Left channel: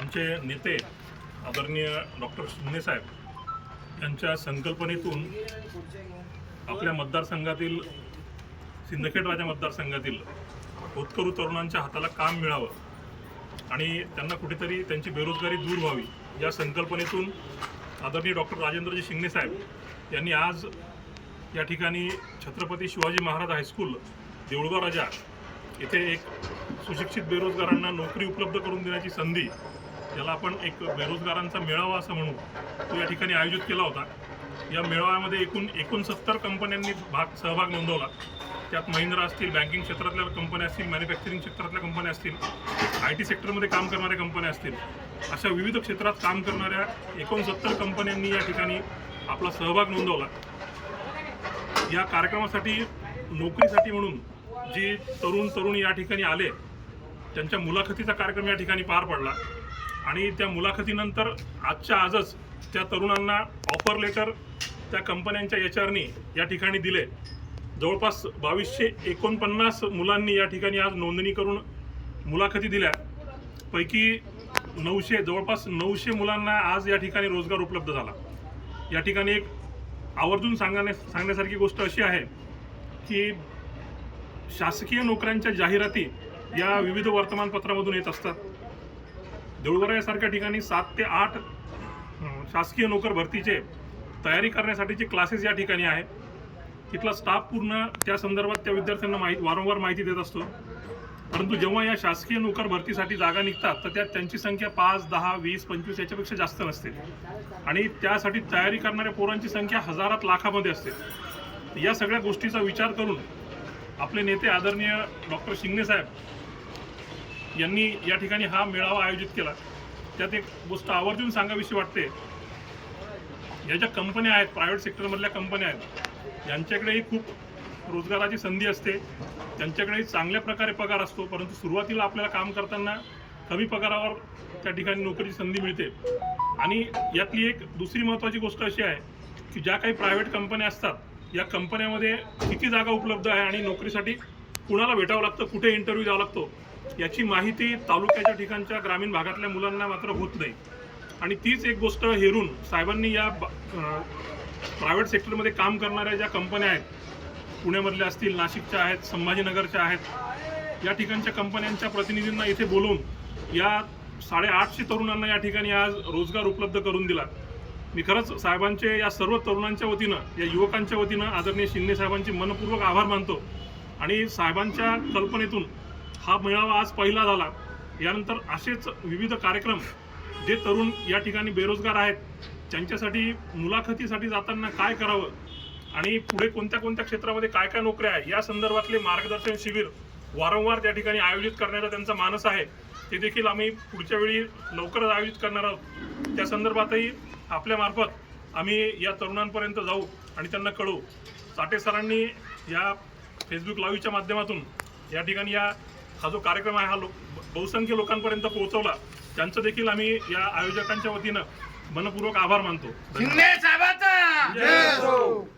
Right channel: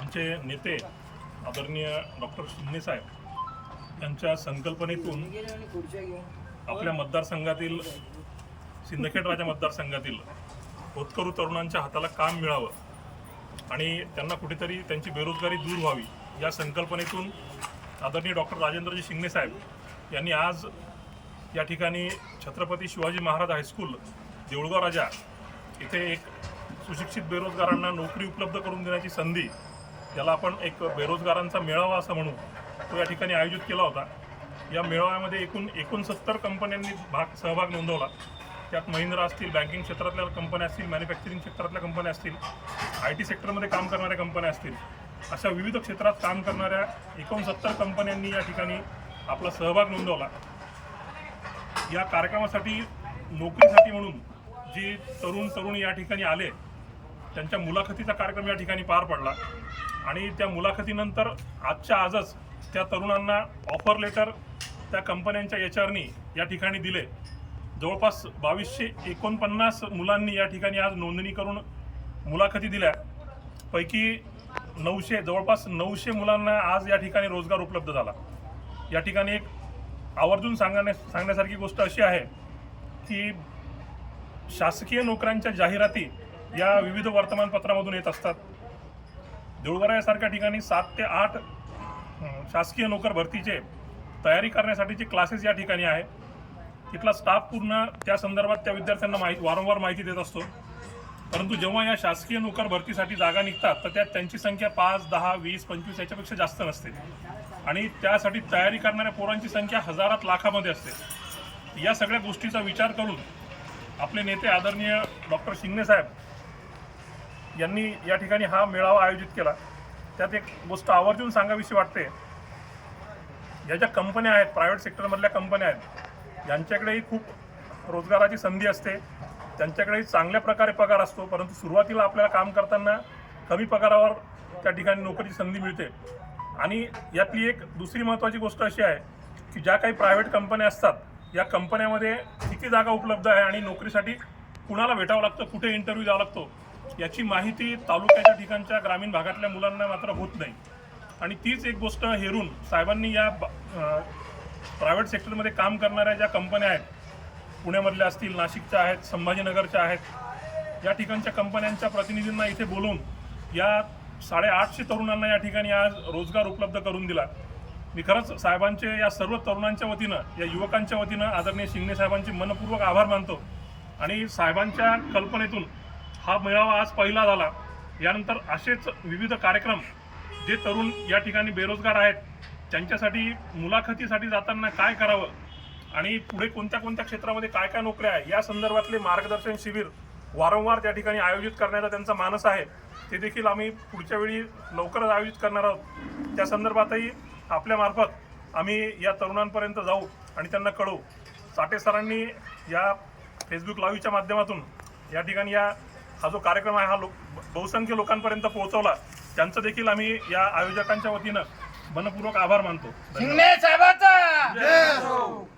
आमचे नेते आदरणीय डॉक्टर शिंदे साहेब यांच्या संकल्पनेतून आपल्या मतदारसंघातील सिंदखेड राजा मतदारसंघातील होतकरू तरुणांच्या हाताला काम मिळावं आणि त्यांना कुठेतरी त्यांची बेरोजगारी दूर व्हावी या संकल्पनेतून आदरणीय डॉक्टर राजेंद्रजी शिंगणे साहेब यांनी आज या ठिकाणी छत्रपती शिवाजी महाराज हायस्कूल देऊळगाव राजा येथे एक सुशिक्षित बेरोजगारांना नोकरी उपलब्ध करून देण्याची संधी, याला आपण एक बेरोजगारांचा मेळावा असं म्हणू, तो या ठिकाणी आयोजित केला होता। या मेळाव्यामध्ये एकूण 69 कंपन्यांनी सहभाग नोंदवला। त्यात महिंद्रा असतील, बँकिंग क्षेत्रातल्या कंपन्या असतील, मॅन्युफॅक्चरिंग क्षेत्रातल्या कंपन्या असतील, IT सेक्टरमध्ये काम करणाऱ्या कंपन्या असतील, अशा विविध क्षेत्रात काम करणाऱ्या 69 कंपन्यांनी या ठिकाणी आपला सहभाग नोंदवला। या कार्यक्रमासाठी नोकरीसाठी म्हणून जी तरुणी या ठिकाणी आले त्यांच्या मुलाखतीचा कार्यक्रम या ठिकाणी पार पडला आणि त्या मुलाखतीनंतर आजच्या आजच त्या तरुणांना ऑफर लेटर त्या कंपन्यांच्या HRनी या ठिकाणी दिले। जवळपास 2249 मुलांनी या ठिकाणी आज नोंदणी करून मुलाखती दिल्या। पैकी जवळपास 900 मुलांना आज या ठिकाणी रोजगार उपलब्ध झाला। या ठिकाणी एक आवर्जून सांगण्यासारखी गोष्ट अशी आहे की शासकीय नोकऱ्यांच्या जाहिराती या विविध वर्तमानपत्रामधून येत असतात। देऊळगाव यासारख्या ठिकाणी 7 ते 8 शासकीय नोकर भरतीचे तयारी करण्यासाठीचे क्लासेस या ठिकाणी आहे। तिथला स्टाफ पूर्ण त्या संदर्भात त्या विद्यार्थ्यांना वारंवार माहिती देत असतो। परंतु जेव्हा या शासकीय नोकर भरतीसाठी जागा निघतात तर त्यात त्यांची संख्या 5, 10, 20, 25 याच्यापेक्षा जास्त नसते आणि त्यासाठी तयारी करणाऱ्या पोरांची संख्या हजारात लाखामध्ये असते। या सगळ्या गोष्टीचा विचार करून आपले नेते आदरणीय डॉक्टर शिंगणे साहेब यांनी या ठिकाणी हा मेळावा आयोजित केला। त्यात एक गोष्ट आवर्जून सांगावीशी वाटते, या ज्या कंपन्या आहेत, प्रायव्हेट सेक्टरमधल्या कंपन्या आहेत, यांच्याकडेही खूप रोजगाराची संधी असते, त्यांच्याकडेही चांगल्या प्रकारे पगार असतो, परंतु सुरुवातीला आपल्याला काम करताना कमी पगारावर त्या ठिकाणी नोकरीची संधी मिळते। आणि यातली एक दुसरी महत्त्वाची गोष्ट अशी आहे की ज्या काही प्रायव्हेट कंपन्या असतात, या कंपन्यामध्ये किती जागा उपलब्ध आहे आणि नोकरीसाठी कुणाला भेटावं लागतं, कुठे इंटरव्ह्यू द्यावा लागतो, याची माहिती तालुक्याच्या ठिकाणच्या ग्रामीण भागातल्या मुलांना मात्र होत नाही। आणि तीच एक गोष्ट हेरून साहेबांनी या प्रायव्हेट सेक्टरमध्ये काम करणाऱ्या ज्या कंपन्या आहेत, पुण्यामधल्या असतील, नाशिकच्या आहेत, संभाजीनगरच्या आहेत, या ठिकाणच्या कंपन्यांच्या प्रतिनिधींना इथे बोलवून या 850 तरुणांना या ठिकाणी आज रोजगार उपलब्ध करून दिला। मी खरंच साहेबांचे या सर्व तरुणांच्या वतीनं, या युवकांच्या वतीनं आदरणीय शिंदे साहेबांचे मनपूर्वक आभार मानतो। आणि साहेबांच्या कल्पनेतून हा मेळावा आज पहिला झाला। यानंतर असेच विविध कार्यक्रम जे तरुण या ठिकाणी बेरोजगार आहेत त्यांच्यासाठी मुलाखतीसाठी जाताना काय करावं आणि पुढे कोणत्या क्षेत्रामध्ये काय नोकऱ्या आहे या संदर्भातले मार्गदर्शन शिबिर वारंवार त्या ठिकाणी आयोजित करण्याचा त्यांचा मानस आहे। ते देखील आम्ही पुढच्या वेळी लवकरच आयोजित करणार आहोत। त्या संदर्भातही आपल्यामार्फत आम्ही या तरुणांपर्यंत जाऊ आणि त्यांना कळवू। चाटे सरांनी या फेसबुक लाईव्हच्या माध्यमातून या ठिकाणी हा जो कार्यक्रम आहे हा बहुसंख्य लोकांपर्यंत पोहोचवला, त्यांचं देखील आम्ही या आयोजकांच्या वतीनं मनपूर्वक आभार मानतो। शिंदे साहेबांचा जय हो।